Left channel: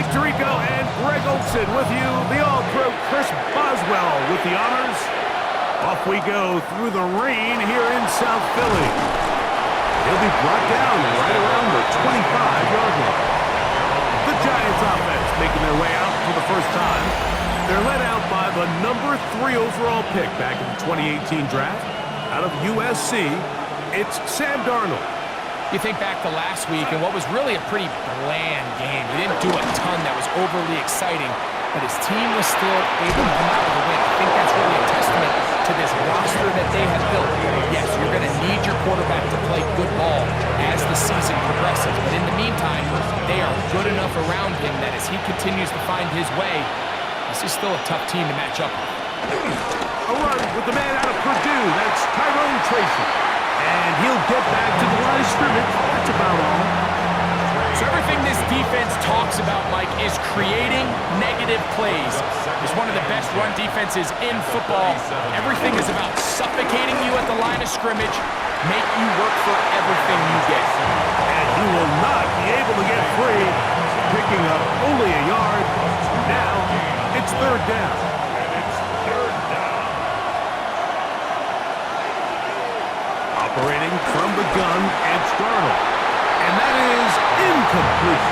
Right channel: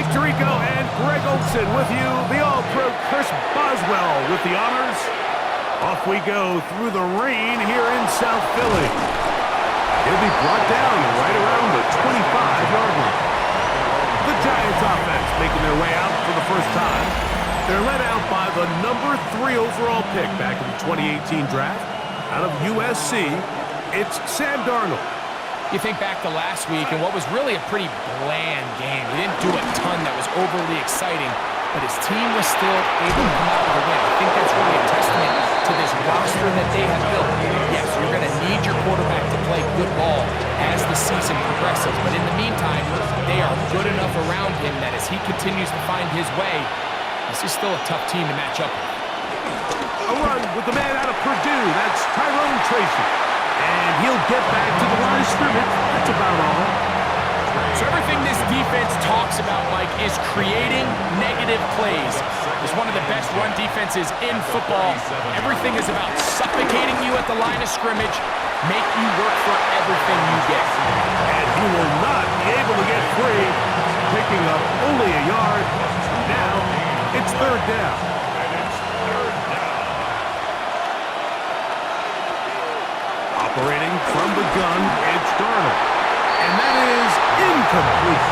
Mike Tirico and Greg Olson with you. The All-Pro Chris Boswell with the honors. Off we go through the rain here in South Philly. He'll be brought down right around the 25-yard line. The Giants offense making their way out for the first time. They're led out by the number 3 overall pick back in the 2018 draft. Out of USC, it's Sam Darnold. You think back to last week and what was really a pretty bland game. He didn't do a ton that was overly exciting, but his team was still able to come out with a win. I think that's really a testament to this roster that they have built. Yes, you're going to need your quarterback to play good ball as the season progresses, but in the meantime, they are good enough around him that as he continues to find his way, this is still a tough team to match up with. A run with the man out of Purdue. That's Tyrone Tracy. And he'll get back to the line of scrimmage. That's about all. So everything this defense talks about, Mike, is creating negative plays. It's one of the best run defenses in football. Everything is about suffocating you at the line of scrimmage, make you work for everything you get. And he will not be able to get free, picking up only a yard. Now it's third down. Operating from the gun, it's Darnold. And that is incomplete.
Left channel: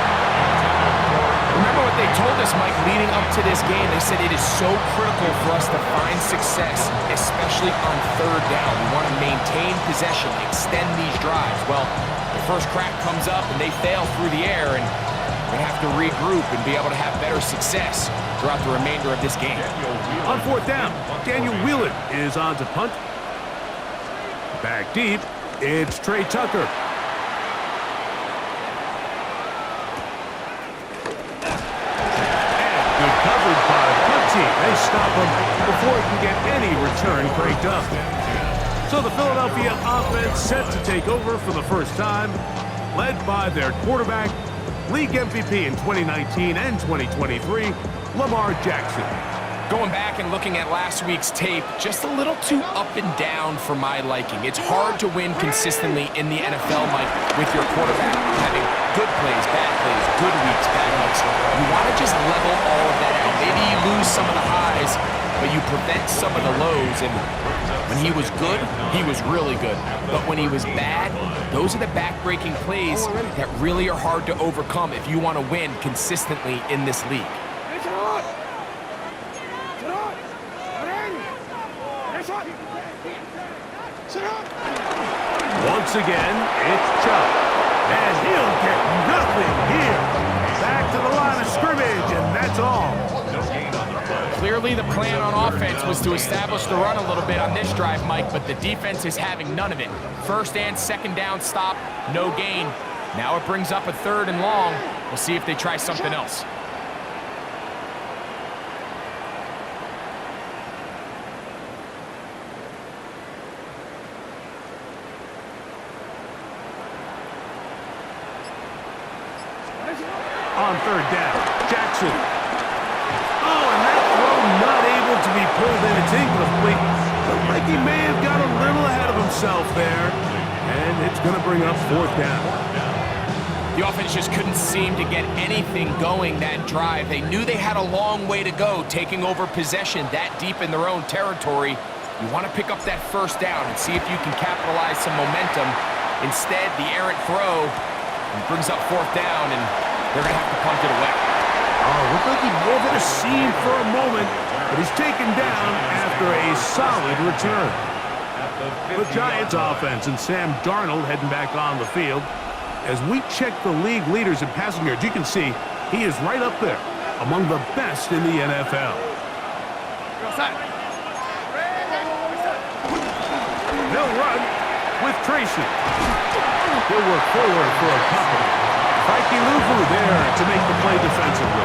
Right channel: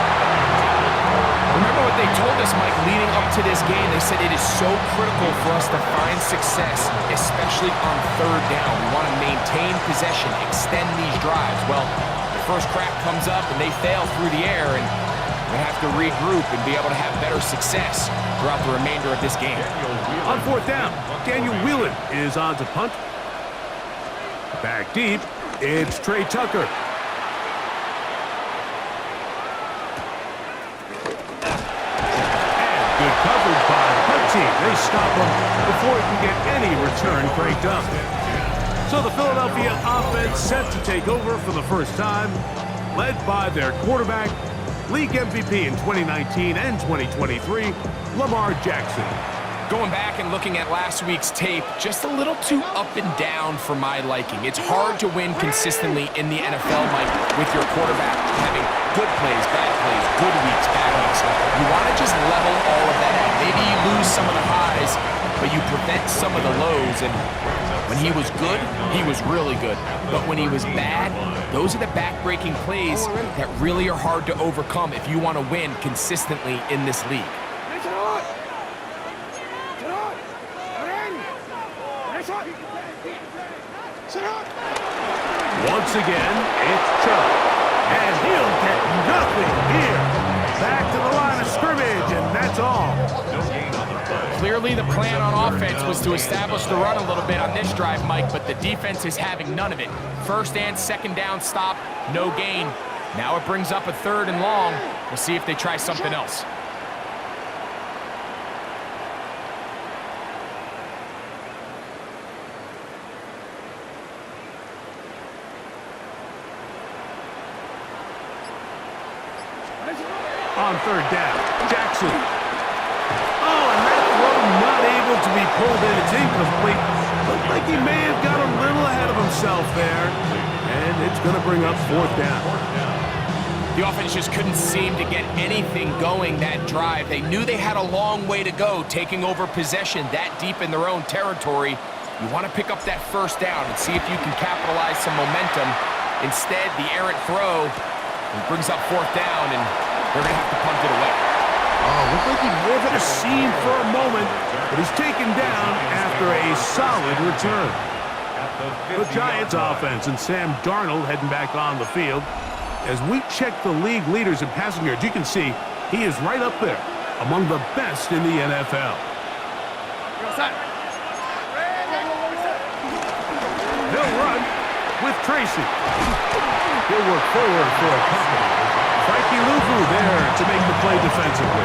Remember what they told us, Mike, leading up to this game. They said it is so critical for us to find success, especially on third down. We want to maintain possession, extend these drives. Well, the first crack comes up and they fail through the air, and we're going to have to regroup and be able to have better success throughout the remainder of this game. On fourth down, Daniel Whelan is on to punt. Back deep, it's Trey Tucker. And good coverage by the punt team. They stop him before he can get any return cranked up. So the Philadelphia offense set to take over for the first time, led by their quarterback, league MVP in 2019 and 2023, Lamar Jackson. Going back and looking at last week's tape, just a little too up and down for my liking. It's hard to win consistently in the NFL, Mike, with your quarterback having good plays, bad plays, good weeks, bad weeks. You want to just level all of that out. Maybe you lose some of the highs, but you prevent some of the lows. And when he was good, he was really good. But when he was bad, those are the back-breaking plays that really are hard to overcome if you want to win consistently in this league. Once again, it's Chubb. And he'll get nothing here. Back to the line of scrimmage, and that's all. Clearly the plan on offense was to establish the run a little bit on this drive, Mike, but the defense is having none of it. First and second down stop, no gain. Now it brings up a third and long. We'll see if they try something else. On third down, Jackson. Oh, and that throw not able to be pulled in. It's incomplete. Looked like he may have got a little ahead of himself there. And it's going to bring up fourth down. The offense just couldn't seem to get anything going that drive. They knew they had a long way to go, taking over possession that deep in their own territory. You want to pick up that first down and see if you can capitalize some momentum. Instead, the errant throw brings up fourth down, and they're going to have to punt it away. Oh, looked like he may have hit a seam for a moment, but he's taken down after a solid return. The Giants offense and Sam Darnold heading back on the field. As we check the league leaders in passing yards, you can see he is right up there among the best in the NFL. They'll run with Tracy. He'll work forward for a couple. Frankie Luvu there to make the play defensively.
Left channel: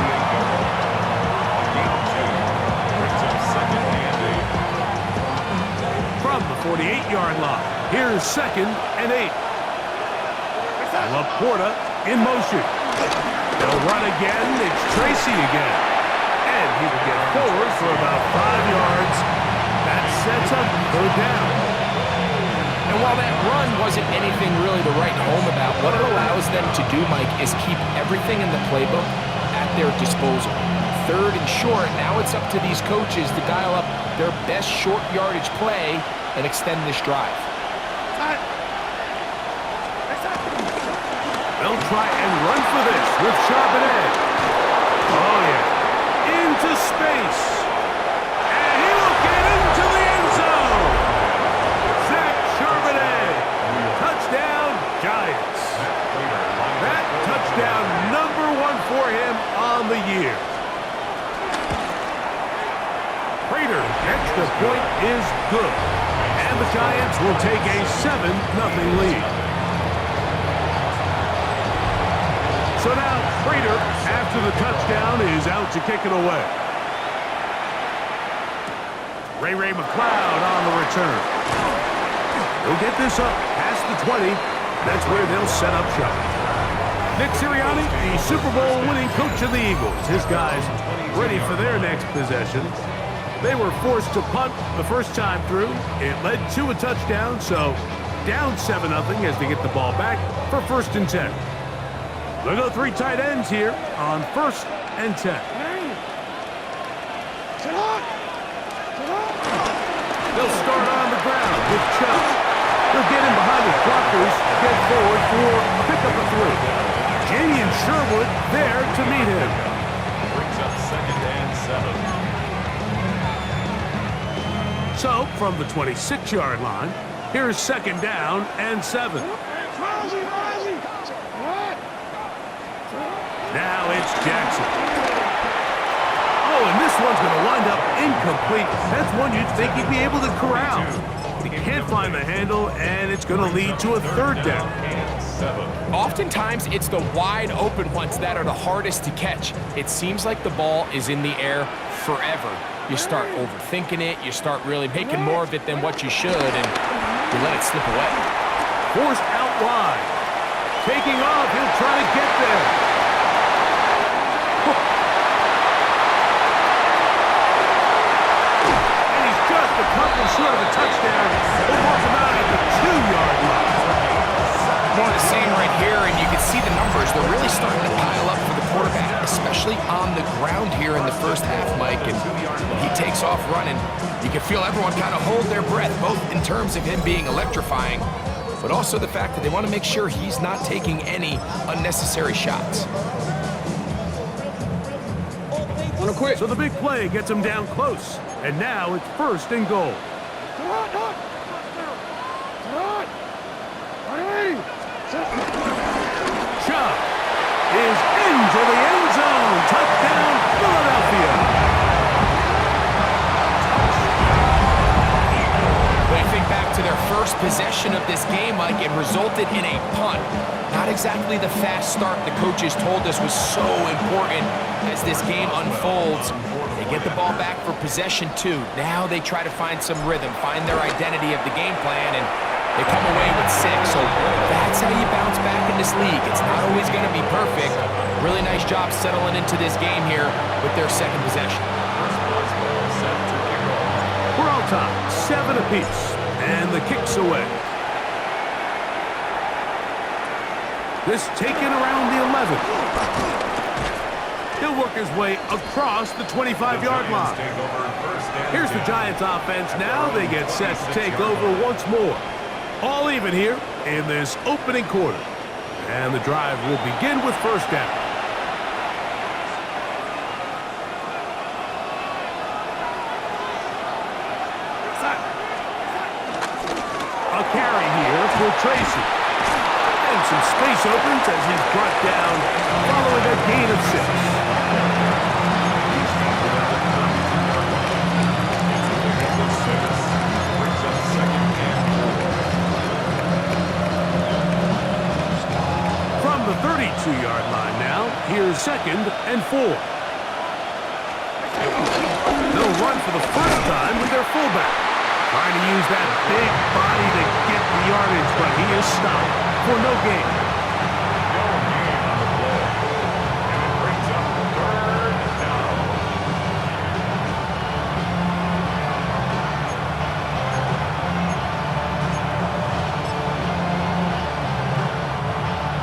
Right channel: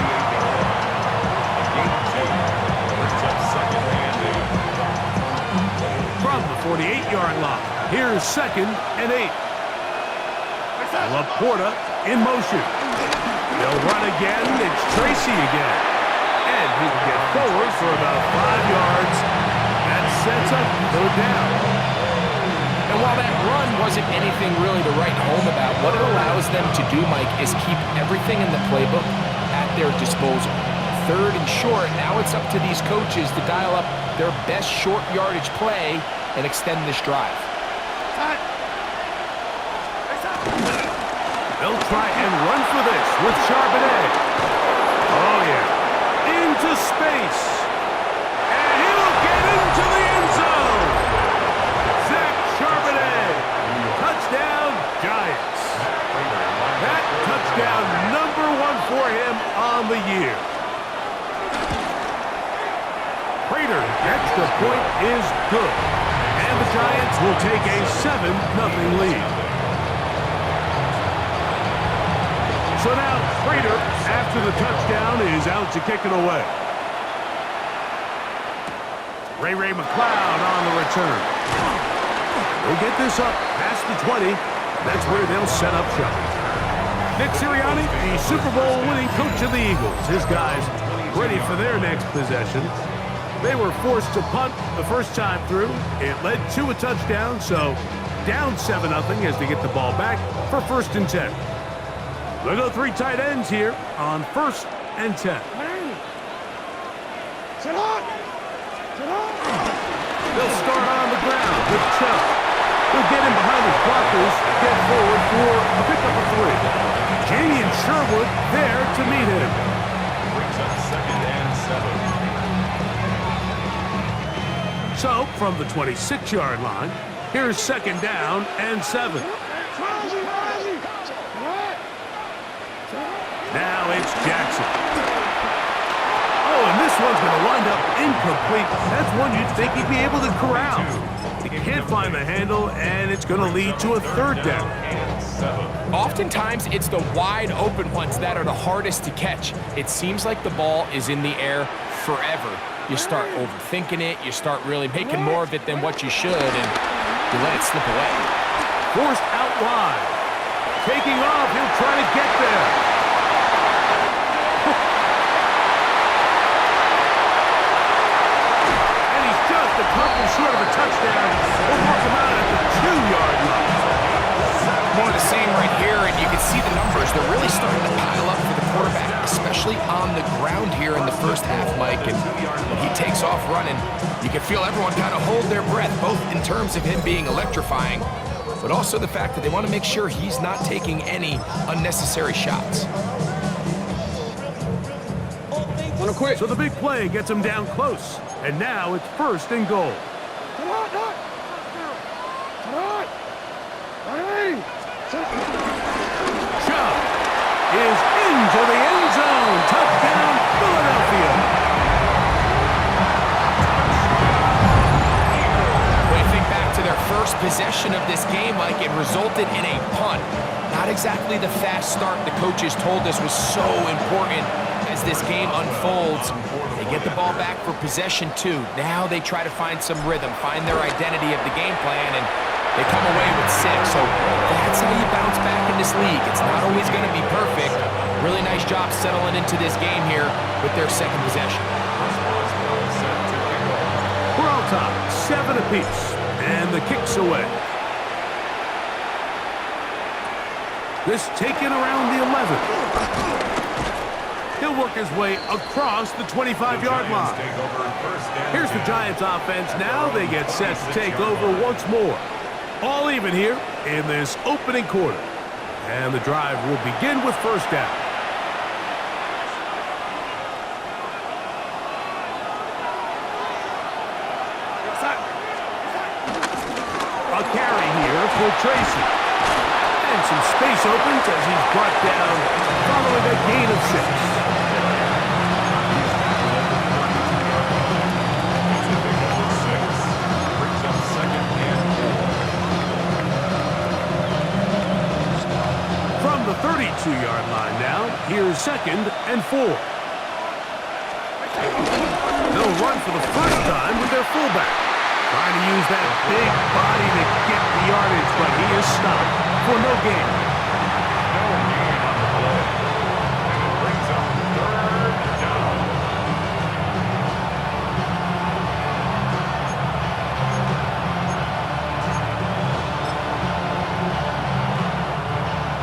From the 48-yard line, here's 2nd and 8. Laporta in motion. They'll run again. It's Tracy again. And he will get forward for about 5 yards. That sets up third down. And while that run wasn't anything really to write home about, what it allows them to do, Mike, is keep everything in the playbook at their disposal. 3rd and short, now it's up to these coaches to dial up their best short yardage play and extend this drive. They'll try and run for this with Charbonnet. Oh, yeah. Into space. And he will get into the end zone. Zach Charbonnet. Touchdown, Giants. That touchdown number 1 for him on the year. Prater gets the point is good. And the Giants will take a 7-0 lead. So now Prater, after the touchdown, is out to kick it away. Ray McCloud on the return. They'll get this up past the 20. That's where they'll set up shop. Nick Sirianni, the Super Bowl winning coach of the Eagles. His guys ready for their next possession. They were forced to punt the first time through. It led to a touchdown, so down 7-0 as they get the ball back for 1st and 10. They'll go 3 tight ends here on 1st and 10. They'll start on the ground with Chubb. He'll get in behind his blockers, get forward for a pickup of 3. Jamie and Sherwood there to meet him. Brings up 2nd and 7. So, from the 26-yard line, here's 2nd down and 7. Now it's Jackson. Oh, and this one's going to wind up incomplete. That's one you'd think he'd be able to corral. He can't find the handle, and it's going to lead to a 3rd down. Oftentimes, it's the wide open ones that are the hardest to catch. It seems like the ball is in the air forever. You start overthinking it, you start really making more of it than what you should, and you let it slip away. Forced out wide. Taking off, he'll try to get there. A couple short of a touchdown. We'll mark him out at the 2-yard line. More of the same right here, and you can see the numbers. They're really starting to pile up for the quarterback, especially on the ground here in the first half, Mike. And when he takes off running, you can feel everyone kind of hold their breath, both in terms of him being electrifying, but also the fact that they want to make sure he's not taking any unnecessary shots. So the big play gets him down close. And now it's 1st and goal. Chubb is into the end zone. Touchdown, Philadelphia. When you think back to their first possession of this game, Mike, it resulted in a punt. Not exactly the fast start the coaches told us was so important as this game unfolds. They get the ball back for possession 2. Now they try to find some rhythm, find their identity of the game plan, and they come away with 6. So that's how you bounce back in this league. It's not always going to be perfect. Really nice job settling into this game here with their 2nd possession. We're all tied, 7 apiece, and the kick's away. This taken around the 11. He'll work his way across the 25-yard line. Here's the Giants offense. Now they get set to take over once more. All even here in this opening quarter. And the drive will begin with 1st down. A carry here for Tracy. And some space opens as he's brought down following a gain of 6. From the 32-yard line now, here's 2nd and 4. They'll run for the first time with their fullback. Trying to use that big body to get the yardage, but he is stopped for no gain. No gain on the play. And it brings up 3rd down.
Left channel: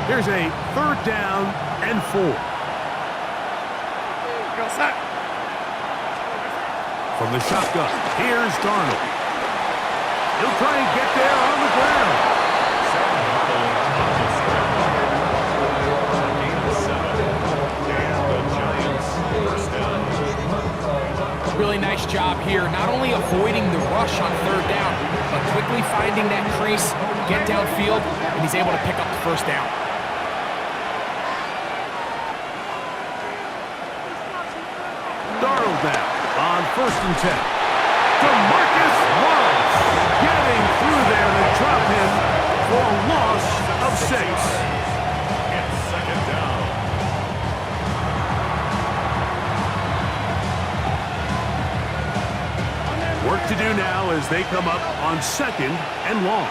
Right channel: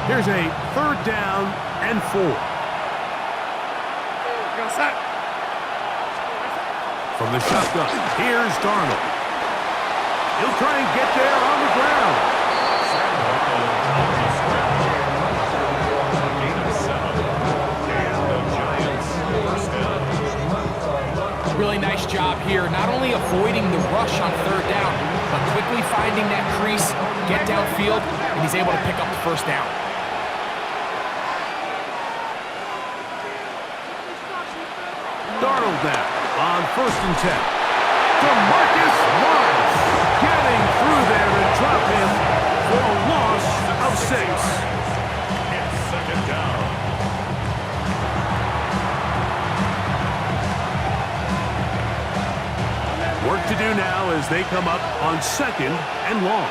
Here's a 3rd down and 4. From the shotgun, here's Darnold. He'll try and get there on the ground. Sam Darnold on the scramble. A gain of 7. And the Giants first down. Really nice job here, not only avoiding the rush on 3rd down, but quickly finding that crease, get downfield, and he's able to pick up the 1st down. Darnold now on 1st and 10. DeMarcus Lawrence getting through there to drop him for a loss of 6. It's 2nd down. Work to do now as they come up on 2nd and long.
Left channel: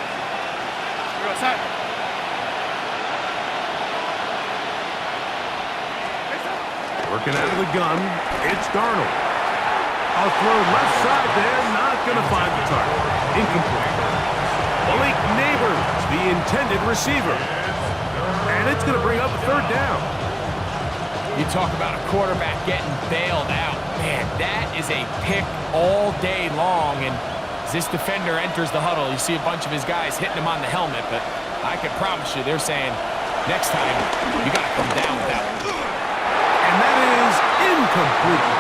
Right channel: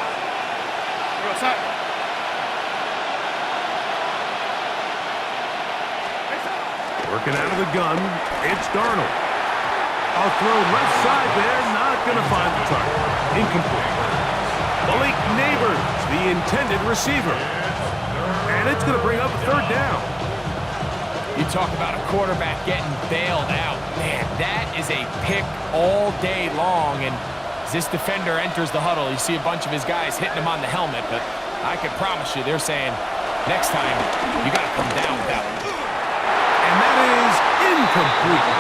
Working out of the gun, it's Darnold. A throw left side there, not going to find the target. Incomplete. Malik Neighbors, the intended receiver. And it's going to bring up a 3rd down. You talk about a quarterback getting bailed out. Man, that is a pick all day long. And as this defender enters the huddle, you see a bunch of his guys hitting him on the helmet. But I can promise you, they're saying, next time, you got to come down with that one. And that is incomplete.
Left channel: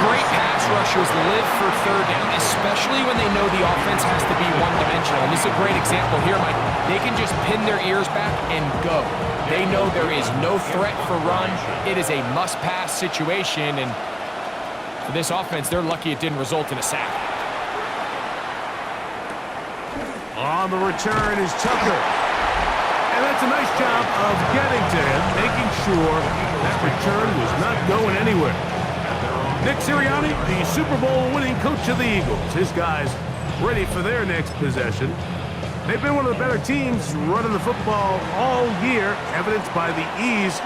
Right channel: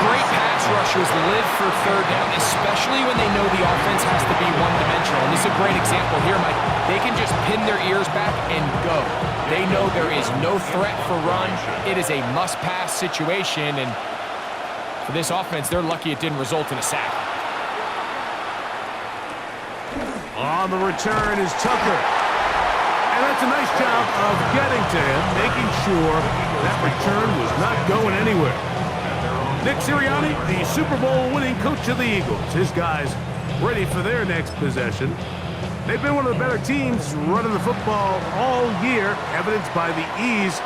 Great pass rushers live for 3rd down, especially when they know the offense has to be one-dimensional. And this is a great example here, Mike. They can just pin their ears back and go. They know there is no threat for run. It is a must-pass situation, and for this offense, they're lucky it didn't result in a sack. On the return is Tucker. And that's a nice job of getting to him, making sure that return was not going anywhere. Nick Sirianni, the Super Bowl winning coach of the Eagles. His guys ready for their next possession. They've been one of the better teams running the football all year, evidenced by the ease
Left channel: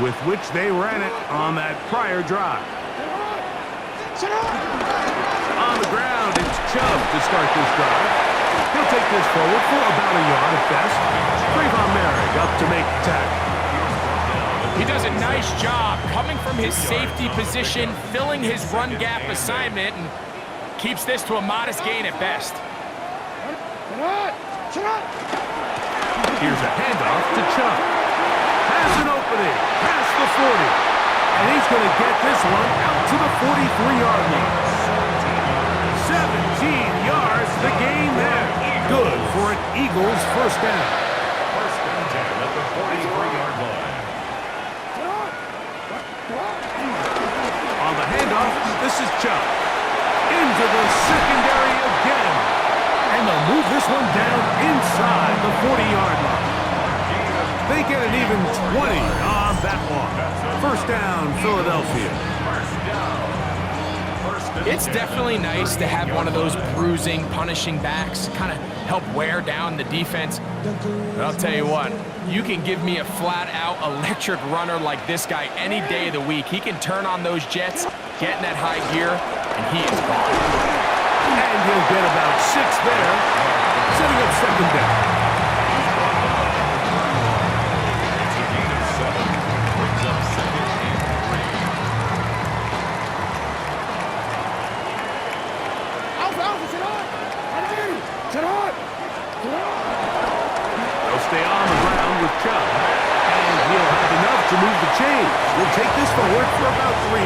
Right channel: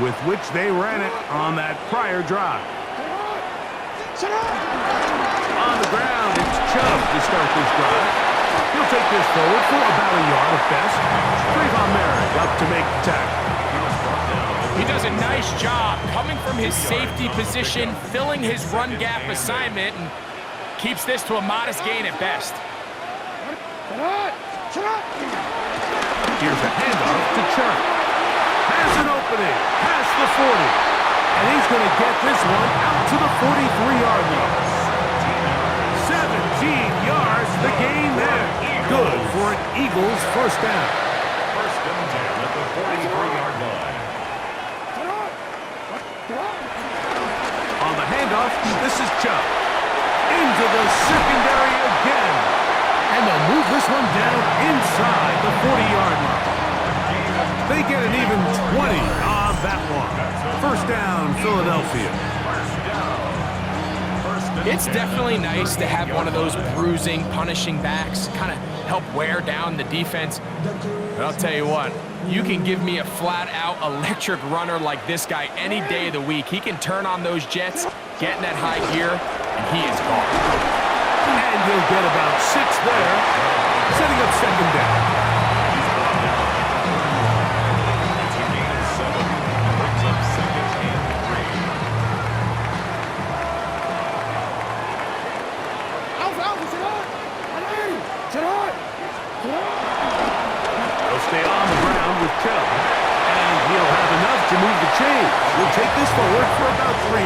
with which they ran it on that prior drive. On the ground, it's Chubb to start this drive. He'll take this forward for about a yard at best. Trayvon Merrick up to make the tackle. He does a nice job coming from his safety position, filling his run gap assignment, and keeps this to a modest gain at best. Here's a handoff to Chubb. Has an opening, past the 40. And he's going to get this one out to the 43-yard line. 17 yards, the gain there. Good for an Eagles 1st down. 1st and 10 at the 43-yard line. On the handoff, this is Chubb. Into the secondary again. And they'll move this one down inside the 40-yard line. They get an even 20 on that one. 1st down, Philadelphia. It's definitely nice to have one of those bruising, punishing backs, kind of help wear down the defense. But I'll tell you what, you can give me a flat-out electric runner like this guy any day of the week. He can turn on those jets, get in that high gear, and he is gone. And he'll get about 6 there, setting up 2nd down. It's a gain of 7. Brings up 2nd and 3. They'll stay on the ground with Chubb. And he'll have enough to move the chains. He'll take this forward for about 3